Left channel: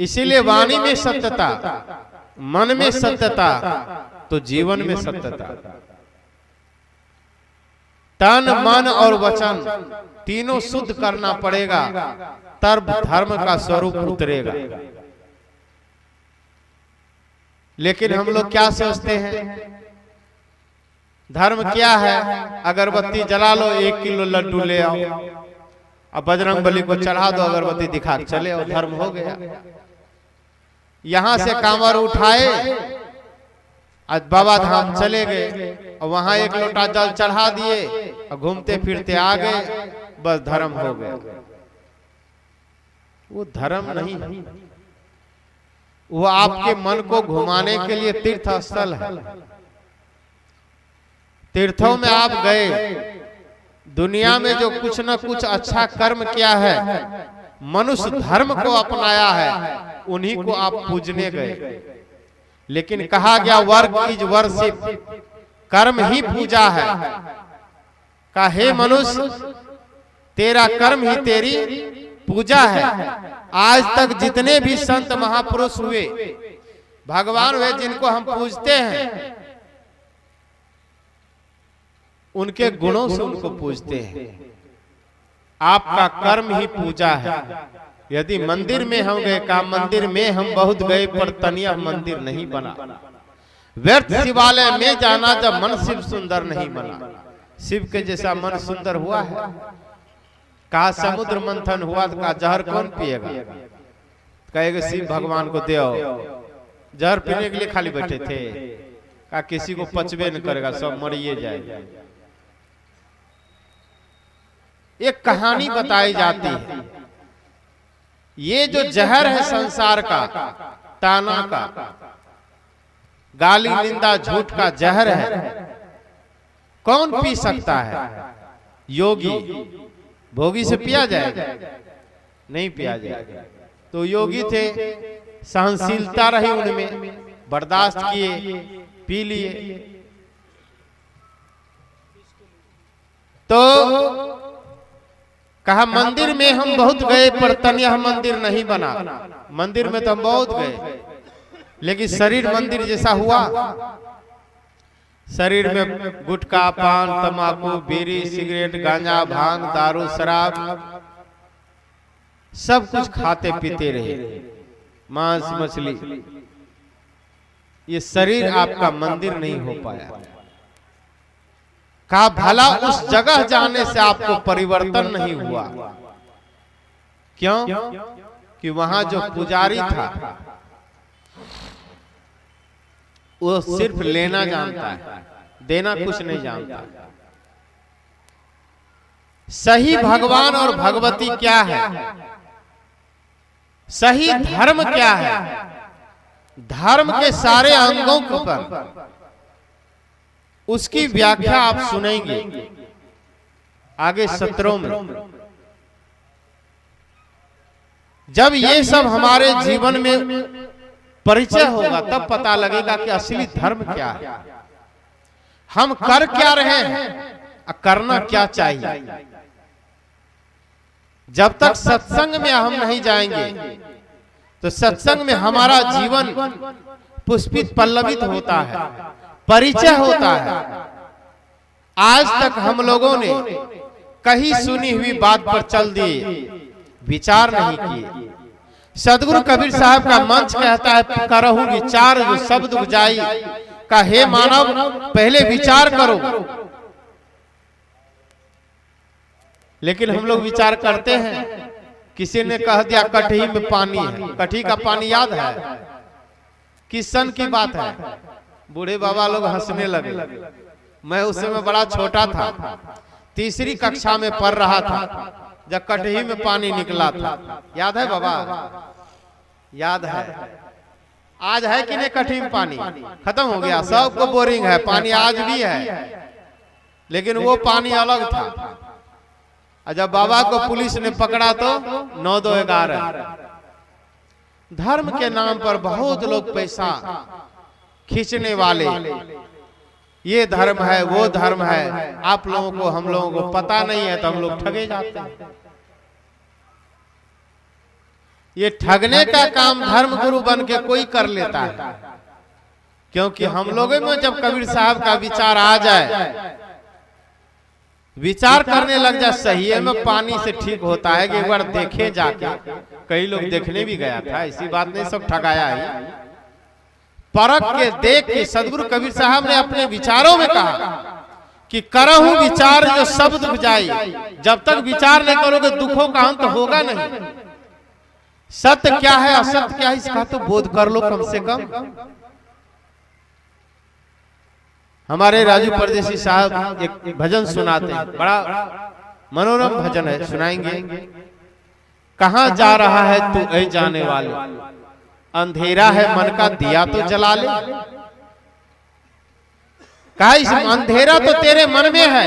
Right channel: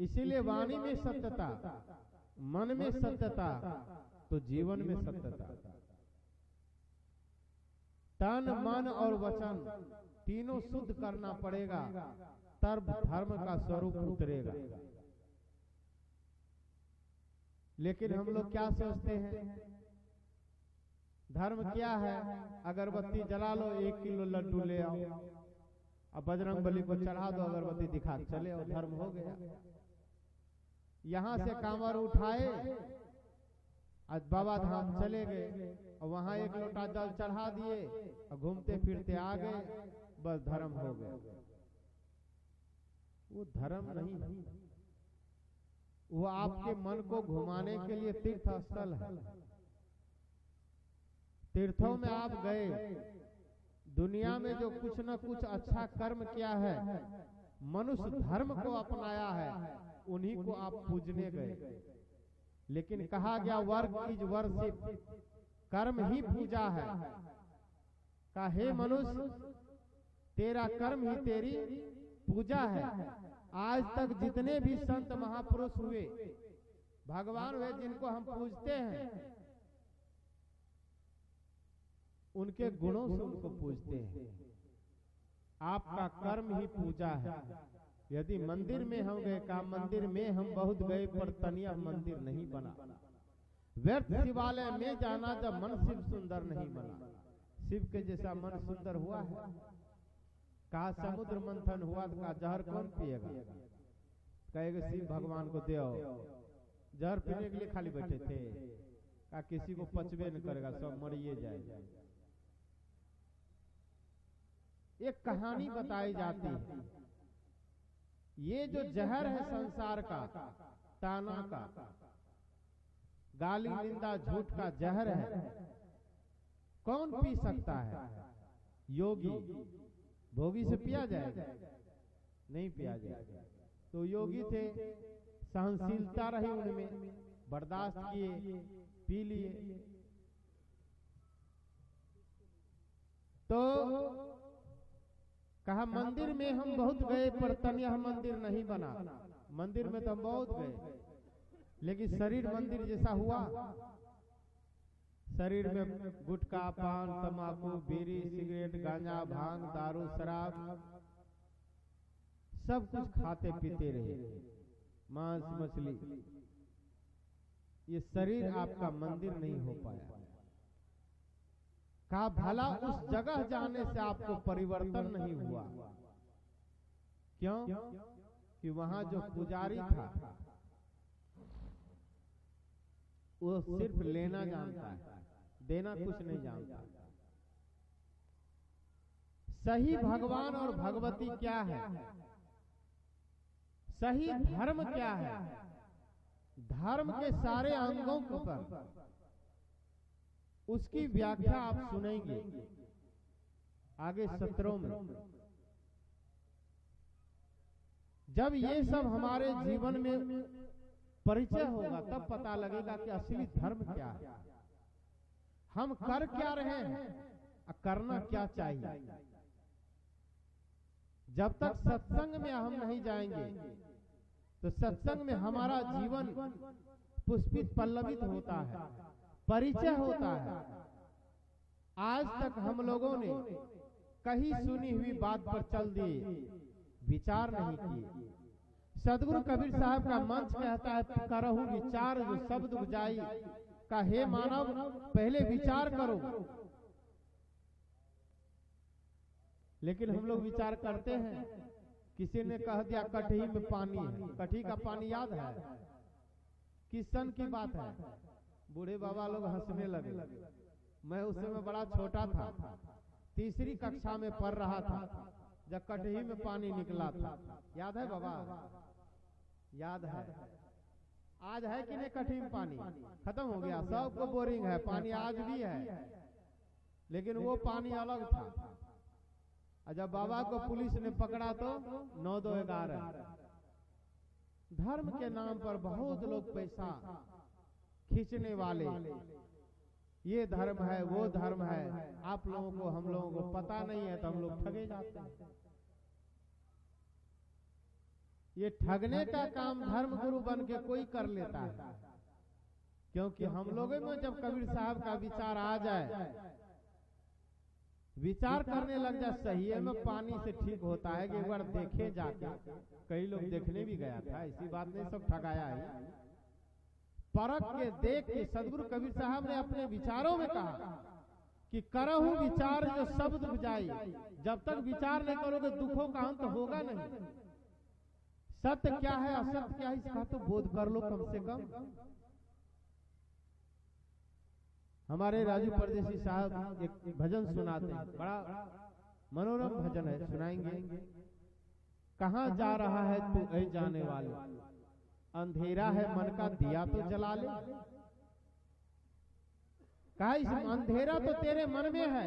इसीलिए वाणी में सत्यता, मन में सत्यता, तो जीवन में सत्यता। तन मन और वचन तीनों शुद्ध करना पड़ेगा, तब धर्म का स्वरूप उतरेगा। लेकिन हम लोग क्या सोचते हैं, धर्म क्या है? अगरबत्ती जला लो, 1 किलो लड्डू ले आओ, अब बजरंगबली को चढ़ा दो, अगरबत्ती दिखा चले और धर्म हो गया। यहां से कांवर उठाए, आज बाबा धाम चले गए और वहां 1 लोटा जल चढ़ा दिए और घूमते फिरते आ गए, बस धर्म हो गया। वो धर्म नहीं, वो आपके मन को घुमाने के लिए तीर्थ स्थल है। तीर्थों में आप गए, दुनिया में जो कुछ न कुछ अच्छा कर्म किया है, मनुष्य धर्म को अपनाया है, उन्हीं को आप पूजने गए। लेकिन कहा गया वर्क इज वर्शिप, कर्म ही पूजा है। कहा हे मनुष्य, तेरा कर्म ही तेरी पूजा है। आज तक जितने भी संत महापुरुष हुए, भगवान हुए, जिनको हम पूजते हैं, उनके गुणों से उनको पूजते हैं। आपका कर्म ही पूजा है। यदि मंदिर में हम गए, का मंदिर में हम बहुत गए, पर तनिया मंदिर नहीं बना। व्यर्थ शिवालय में जाना जब मन शिव सुंदर नहीं बना। शिव के जैसा मन सुंदर हुआ है? कहा समुद्र मंथन हुआ तो कहा जहर कौन पिएगा? कहेगा शिव भगवान को दे आओ। जहर पीने के लिए खाली बैठे थे? कहा किसी को पचबे न करेगा, सब मरिए जाएगा। एक कहानी बताई जाती है, ये जो जहर है संसार का, ताना का, गाली निंदा झूठ का जहर है, कौन पी सकता है? योगी। भोगी से पिया जाएगा? नहीं पिया जाएगा। तो योगी थे, सहनशीलता रही उनमें, बर्दाश्त किए, पी लिए। तो कहा मंदिर में हम बहुत गए, पर तनिया मंदिर नहीं बना। मंदिर में तो हम बहुत गए, लेकिन शरीर मंदिर जैसा हुआ? शरीर में गुटखा, पान, तंबाकू, बीड़ी, सिगरेट, गांजा, भांग, दारू, शराब, सब कुछ खाते पीते रहे, मांस मछली। ये शरीर आपका मंदिर नहीं हो पाया। कहा भला उस जगह जाने से आपको परिवर्तन नहीं हुआ? क्यों? कि वहां जो पुजारी था, वो सिर्फ लेना जानता है, देना कुछ नहीं जानता। सही भगवान और भगवती क्या है? सही धर्म क्या है? धर्म के सारे अंगों पर उसकी व्याख्या आप सुनेंगे आगे सत्रों में। जब ये सब हमारे जीवन में परिचय होगा, तब पता लगेगा कि असली धर्म क्या है, हम कर क्या रहे हैं, करना क्या चाहिए। जब तक सत्संग में हम नहीं जाएंगे, तो सत्संग में हमारा जीवन पुष्पित पल्लवित होता है, परिचय होता है। आज तक हम लोगों ने कहीं सुनी हुई बात पर चल दिए, विचार नहीं किए। सदगुरु कबीर साहब का मंच कहता है, करहु विचार जो शब्द बुझाई। का हे मानव, पहले विचार करो। लेकिन हम लोग विचार करते हैं। किसी ने कह दिया कटही में पानी है, कटही का पानी याद है? किस सन की बात है? बूढ़े बाबा लोग हंसने लगे। मैं उस समय बड़ा छोटा था, तीसरी कक्षा में पढ़ रहा था, जब कटही में पानी निकला था। याद है बाबा? याद है। आज है कि नहीं कटही में पानी? खत्म हो गया, सबको बोरिंग है, पानी आज भी है, लेकिन वो पानी अलग था। जब बाबा को पुलिस ने पकड़ा तो 9-2-11। धर्म के नाम पर बहुत लोग पैसा खींचने वाले, ये धर्म है, वो धर्म है। आप लोगों को, हम लोगों को पता नहीं है, तो हम लोग ठगे जाते हैं। ये ठगने का काम धर्म गुरु बन के कोई कर लेता है, क्योंकि हम लोगों में जब कबीर साहब का विचार आ जाए, विचार करने लग जाए, सही में पानी से ठीक होता है कि एक बार देखे जाके। कई लोग देखने भी गया था, इसी बात नहीं सब ठगाया है। परख के देख के सदगुरु कबीर साहब ने अपने विचारों में कहा कि करहूं विचार जो सब दुख जाए। जब तक विचार नहीं करोगे दुखों का अंत होगा नहीं। सत्य क्या है असत्य क्या है इसका तो बोध कर लो कम से कम। हमारे राजू परदेसी साहब एक भजन सुनाते हैं, बड़ा मनोरम भजन है, सुनाएंगे। कहां जा रहा है तू ऐ जाने वाले, अंधेरा है मन का दिया तो जला ले। कहा इस अंधेरा तो तेरे मन में है,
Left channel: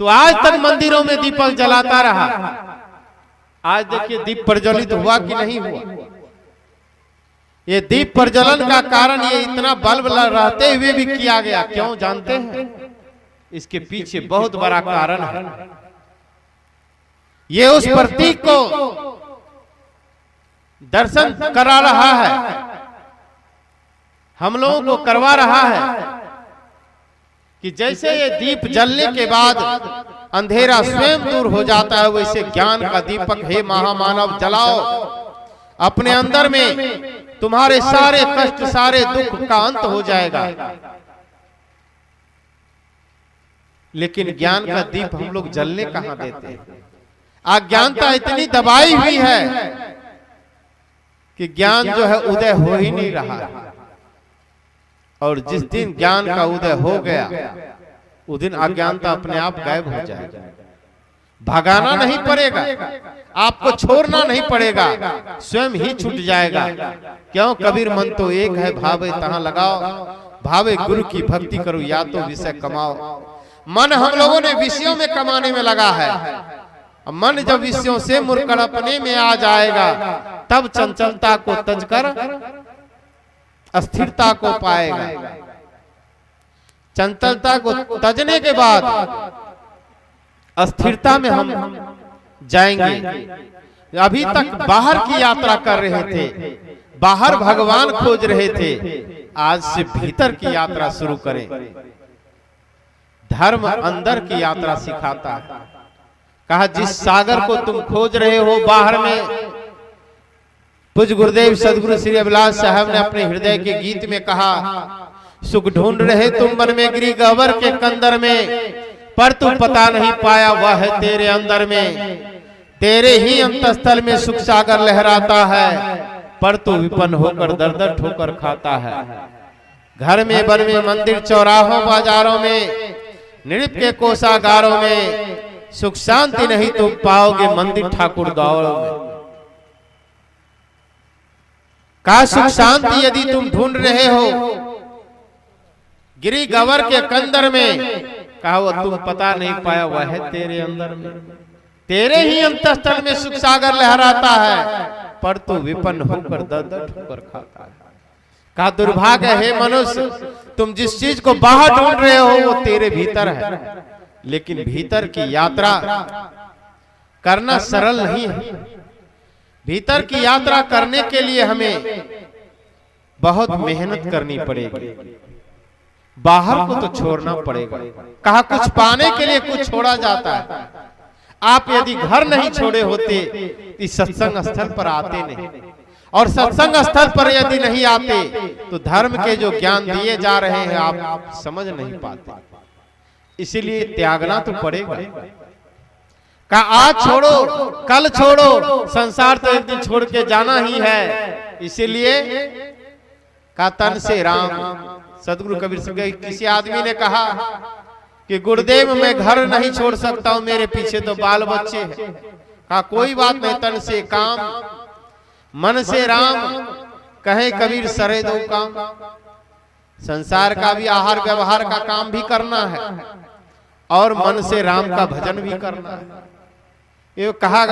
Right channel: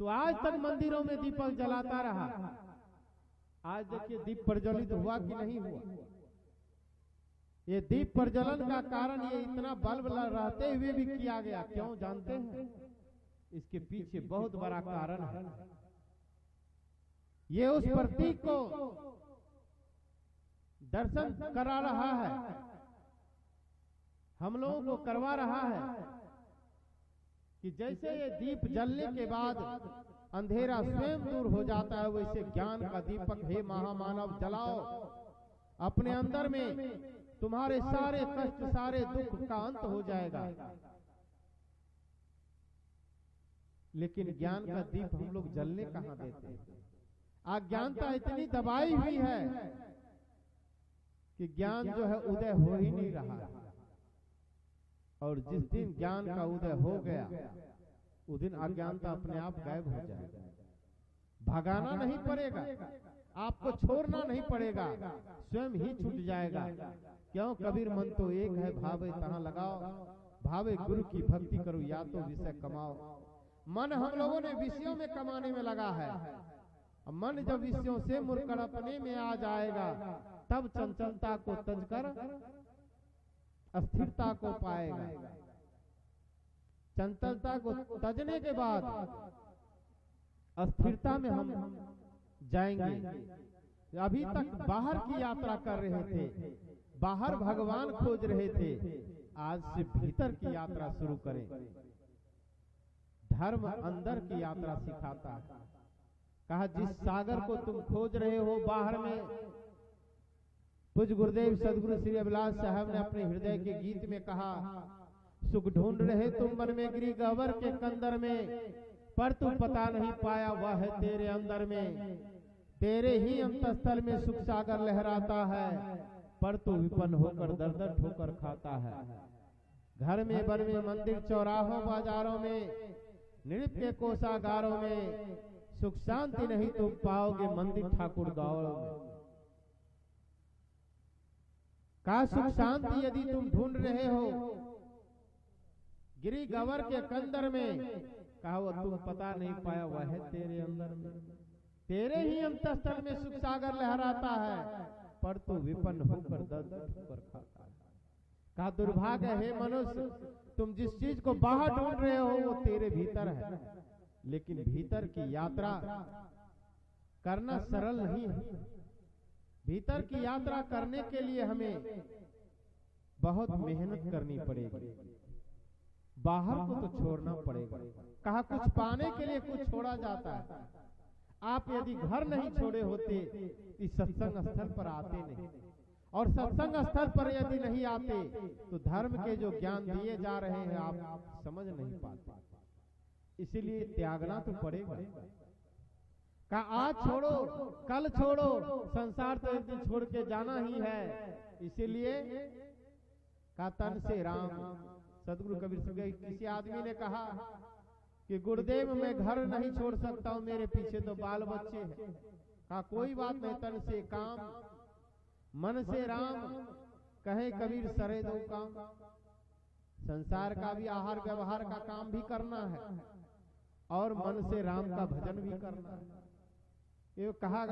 तो आज तक मंदिरों में दीपक जलाता रहा। आज देखिए दीप प्रज्वलित हुआ कि नहीं हुआ। ये दीप प्रज्वलन का कारण ये इतना बल्ब रहते हुए भी किया गया, क्यों जानते हैं? इसके पीछे बहुत बड़ा कारण है। ये उस प्रतीक को दर्शन करा रहा है, हम लोगों को करवा रहा है कि जैसे ये दीप जलने के बाद अंधेरा स्वयं दूर हो जाता है, वैसे ज्ञान का दीपक हे महामानव जलाओ अपने अंदर में, तुम्हारे सारे कष्ट सारे दुख का अंत हो जाएगा। लेकिन ज्ञान का दीप हम लोग जलने कहां देते हैं? अज्ञानता इतनी दबाई हुई है कि ज्ञान जो है उदय हो ही नहीं रहा। और जिस दिन ज्ञान का उदय हो गया उस दिन अज्ञानता अपने आप गायब हो जाएगा। भगाना नहीं पड़ेगा, आपको छोड़ना नहीं पड़ेगा, स्वयं ही छूट जाएगा। क्यों? कबीर मन तो एक है, भावे तहां लगाओ, भावे गुरु की भक्ति करो या तो विषय कमाओ। मन हम लोगों ने विषयों में कमाने में लगा है। मन जब विषयों से मुरकड़पने में आ जाएगा तब चंचलता को तजकर अस्थिरता को पाएगा। चंचलता को तजने के बाद अस्थिरता में हम जाएंगे। अभी तक बाहर की यात्रा कर रहे थे, बाहर भगवान खोज रहे थे, आज से भीतर की यात्रा शुरू करें। धर्म अंदर की यात्रा सिखाता है। कहा जिस सागर को तुम खोज रहे हो बाहर में, पूज्य गुरुदेव सदगुरु श्री अभिलाष साहब ने अपने हृदय के गीत में कहा, सुख ढूंढ रहे तुम मन में गिरी गहवर के कंदर में, पर तू पता नहीं पाया वह है तेरे अंदर में। तेरे ही अंतस्थल में सुख सागर लहराता है, पर तू विपन्न होकर दर दर ठोकर खाता है। घर में वन में मंदिर चौराहों बाजारों में नृप के कोषागारों में सुख शांति नहीं तुम पाओगे मंदिर ठाकुर द्वारों में। का सुख शांति यदि तुम ढूंढ रहे हो गिरी गवर के कंदर में, कहा वो तुम पता नहीं पाया वह है तेरे अंदर में। तेरे ही अंतस्थल में सुख सागर लहराता है, पर तू विपन्न होकर दर दर ठोकर खाता है। कहा दुर्भाग्य है मनुष्य, तुम जिस चीज को बाहर ढूंढ रहे हो वो तेरे भीतर है, लेकिन भीतर की यात्रा करना सरल नहीं है। भीतर की यात्रा करने के लिए हमें बहुत मेहनत करनी पड़ेगी, बाहर को तो छोड़ना पड़ेगा। कहा कुछ पाने के लिए कुछ छोड़ा जाता है। आप यदि घर नहीं छोड़े होते इस सत्संग स्थल पर आते नहीं, और सत्संग स्थल पर यदि नहीं आते तो धर्म के जो ज्ञान दिए जा रहे हैं आप समझ नहीं पाते। इसीलिए त्यागना तो पड़ेगा। कहा आज छोड़ो कल छोड़ो, संसार तो एक दिन छोड़ के जाना ही है। इसीलिए कहा तन से राम। सदगुरु कबीर सिंह किसी आदमी ने कहा कि गुरुदेव मैं घर नहीं छोड़ सकता हूं, मेरे पीछे तो बाल बच्चे हैं। कहा कोई बात नहीं, तन से काम मन से राम, कहे कबीर सरे दो काम। संसार का भी आहार व्यवहार का काम भी करना है और मन से राम का भजन भी करना है। ये कहा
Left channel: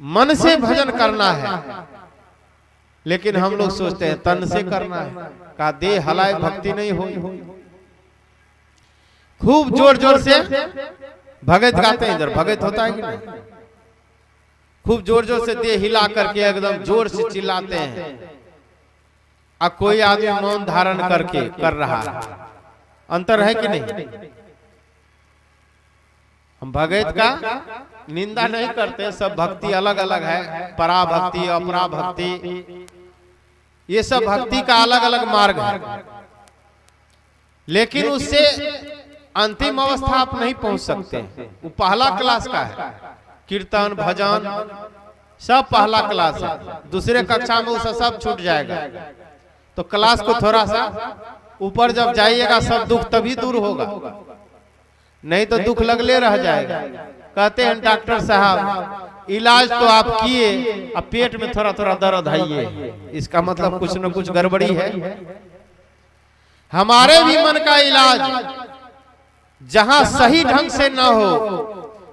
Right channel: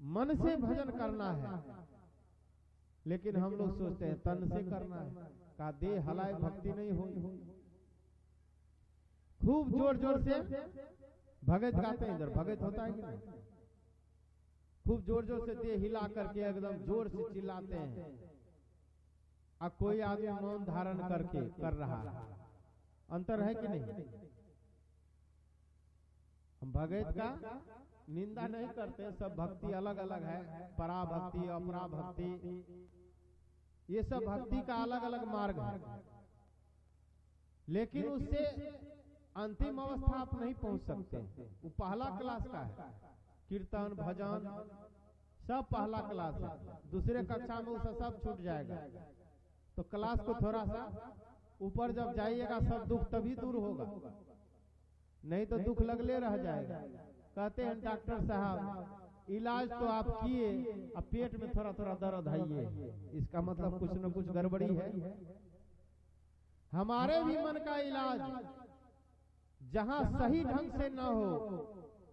मन से भजन करना है, लेकिन हम लोग सोचते हैं तन से करना है। कहा देह हलाए भक्ति नहीं होगी। खूब जोर जोर से भगत गाते हैं, इधर भगत होता है कि नहीं? खूब जोर जोर से देह हिला करके एकदम जोर से चिल्लाते हैं, और कोई आदमी मौन धारण करके कर रहा है। अंतर है कि नहीं? हम भगत का निंदा नहीं करते, सब भक्ति अलग अलग है, परा भक्ति, अपरा भक्ति, ये सब भक्ति का अलग अलग मार्ग है। लेकिन उससे अंतिम अवस्था आप नहीं पहुंच सकते। वो पहला क्लास का है, कीर्तन भजन सब पहला क्लास है। दूसरे कक्षा में उससे सब छूट जाएगा। तो क्लास को थोड़ा सा ऊपर जब जाइएगा सब दुख तभी दूर होगा, नहीं तो दुख लगले रह जाएगा। कहते हैं डॉक्टर साहब इलाज तो आप किए, अब पेट में थोड़ा थोड़ा दर्द है, इसका मतलब कुछ न कुछ गड़बड़ी है। हमारे भी मन का इलाज जहां सही ढंग से न हो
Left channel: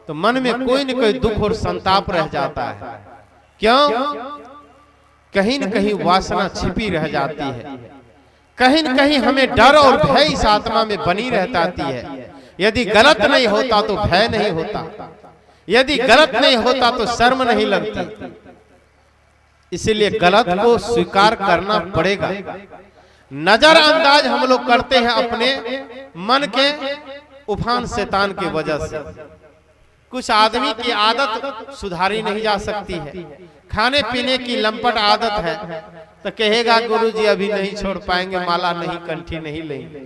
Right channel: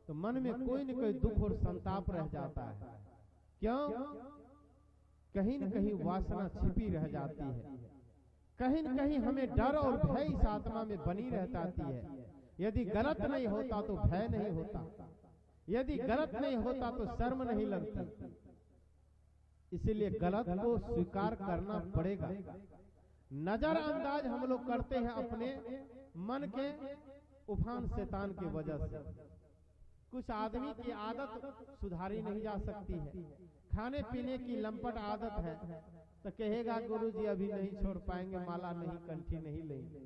तो मन में कोई न कोई दुख और संताप रह जाता है। क्यों? कहीं न कहीं वासना छिपी रह जाती है, कहीं न कहीं हमें डर और भय इस आत्मा में बनी रहती है। यदि गलत नहीं होता तो भय नहीं होता, यदि गलत नहीं होता तो शर्म नहीं लगती। इसीलिए गलत को स्वीकार करना पड़ेगा। नजरअंदाज हम लोग करते हैं अपने मन के उफान शैतान की वजह से। कुछ आदमी की आदत सुधारी नहीं जा सकती है, खाने पीने की लंपट आदत है, तो कहेगा गुरुजी अभी नहीं छोड़ पाएंगे, माला नहीं, कंठी नहीं लेंगे,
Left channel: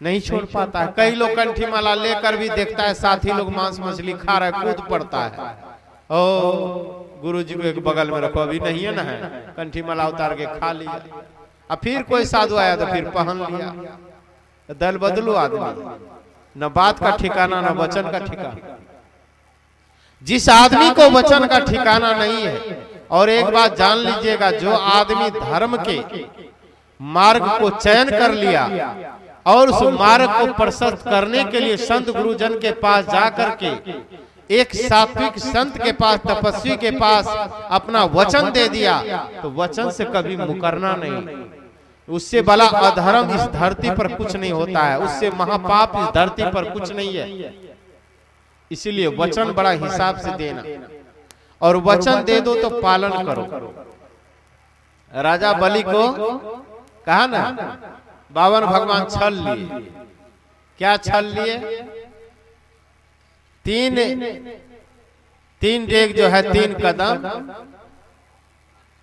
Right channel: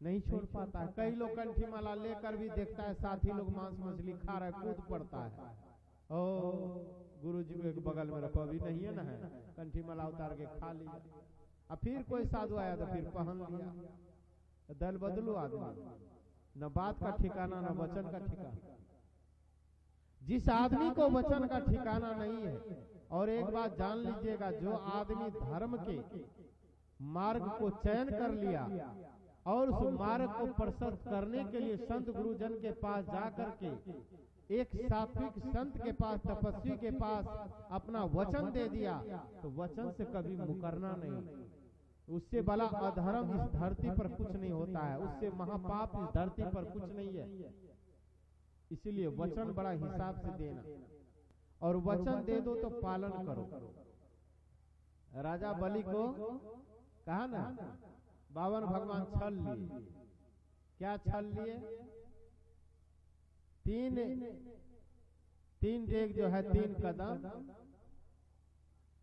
नहीं छोड़ पाता है। कई लोग कंठी माला लेकर भी देखता है साथी लोग मांस मछली खा रहा है, कूद पड़ता है। ओ गुरुजी को एक बगल में रखो, अभी नहीं है ना, है कंठी माला उतार के खा लिया। अब फिर कोई साधु आया तो फिर पहन लिया। दल बदलू आदमी, न बात का ठिकाना न वचन का ठिकाना। जिस आदमी को वचन का ठिकाना नहीं है, और एक बात जान लीजिएगा, जो आदमी धर्म के मार्ग को चयन कर लिया और उस मार्ग को प्रशस्त करने के लिए संत गुरुजन के पास जाकर के एक सात्विक संत के पास, तपस्वी के पास अपना वचन दे दिया, तो वचन से कभी मुकरना नहीं। उससे बड़ा अधर्म इस धरती पर कुछ नहीं होता है, उससे महापाप इस धरती पर कुछ नहीं है। इसीलिए वचन बड़ा हिसाब से देना, और वचन दे दो तो पालन करो। राजा बलि को कहा ना, 52 भगवान छल लिए। क्या छल लिए? तीन डेग जो है, 3 कदम,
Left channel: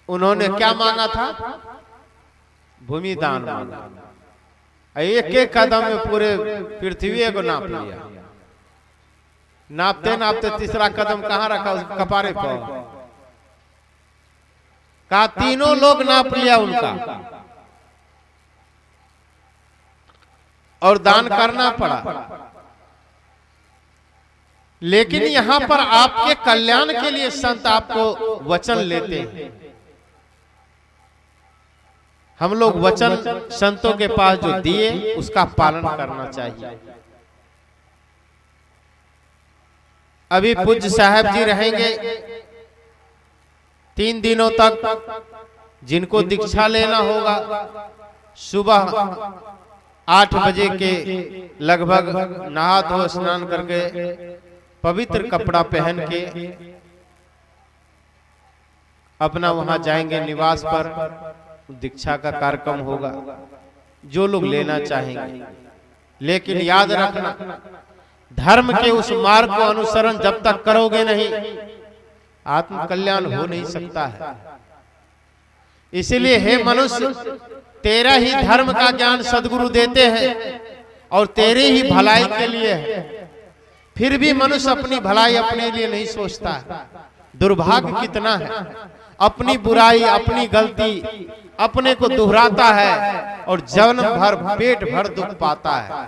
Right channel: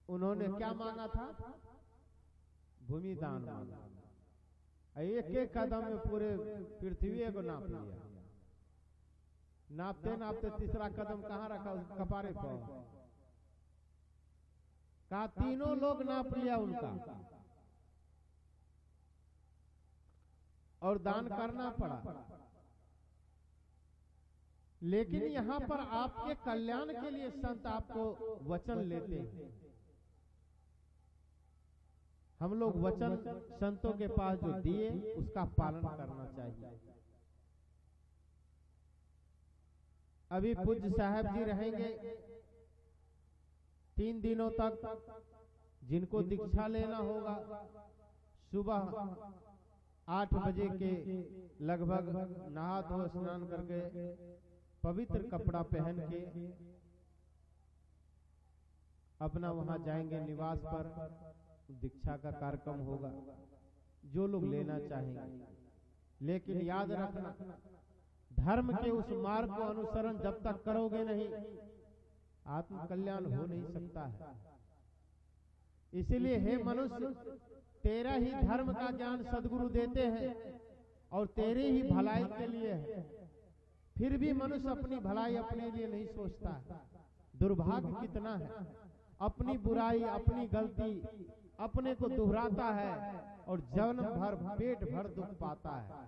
उन्होंने क्या मांगा था? भूमि दान मांगा। एक एक कदम में पूरे पृथ्वी को नाप लिया। नापते नापते तीसरा कदम कहाँ रखा? उसके कपारे पर। कहा तीनों लोग नाप लिया उनका, और दान करना पड़ा। लेकिन यहां पर आपके कल्याण के लिए संत आपको वचन लेते हैं। हम लोग वचन संतों के पास जो दिए उसका पालन करना चाहिए। अभी पूज्य साहब जी रहेंगे 3 दिनों तक। जिनको दीक्षा लेना होगा सुबह 8 बजे के लगभग नहा धो स्नान करके पवित्र कपड़ा पहन के अपना वहां जाएंगे निवास पर। दीक्षा का कार्यक्रम होगा, जो लोग लेना चाहेंगे। लेकिन याद रखना, धर्म के उस मार्ग को अनुसरण जब तक करोगे नहीं, आत्म कल्याण हो नहीं सकता है। इसीलिए हे मनुष्य, तेरा ही धर्म का ज्ञान सदगुरु देते हैं और तेरे ही भलाई के लिए है। फिर भी मनुष्य अपनी भलाई अपने लिए नहीं सोचता है। दुर्भाग्य कितना है, अपनी बुराई, अपनी गलती अपने को दोहराता है और जन्म भर पेट भर दुख पाता है।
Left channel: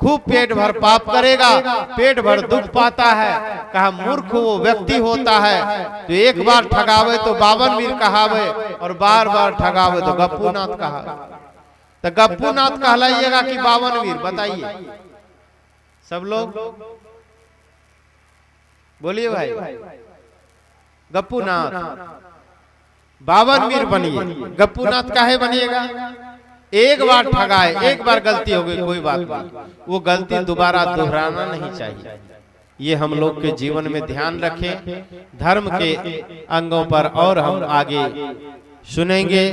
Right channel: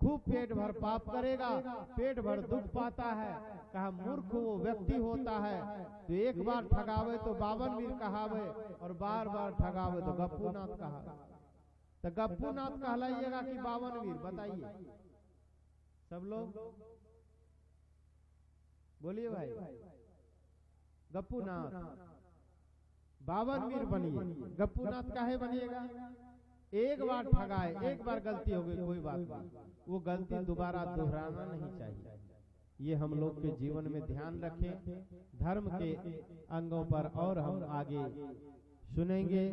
खूब पेट भर पाप करेगा, पेट भर दुख पाता है। कहा मूर्ख वो व्यक्ति होता है तो एक बार ठगावे तो 52 वीर कहावे, और बार बार ठगावे तो गप्पूनाथ कहावे। तो गप्पूनाथ कहलाइएगा कि 52 वीर? बताइए सब लोग, बोलिए भाई। गप्पूनाथ 52 वीर बनिए। गप्पूनाथ काहे बनिएगा? एक बार ठगाए, एक बार गलती हो गई, कोई बात नहीं, वो गलती दोबारा दोहराना नहीं चाहिए। ये हम लोग के जीवन में ध्यान रखें। धर्म के अंगों पर और हम आगे सुनेंगे।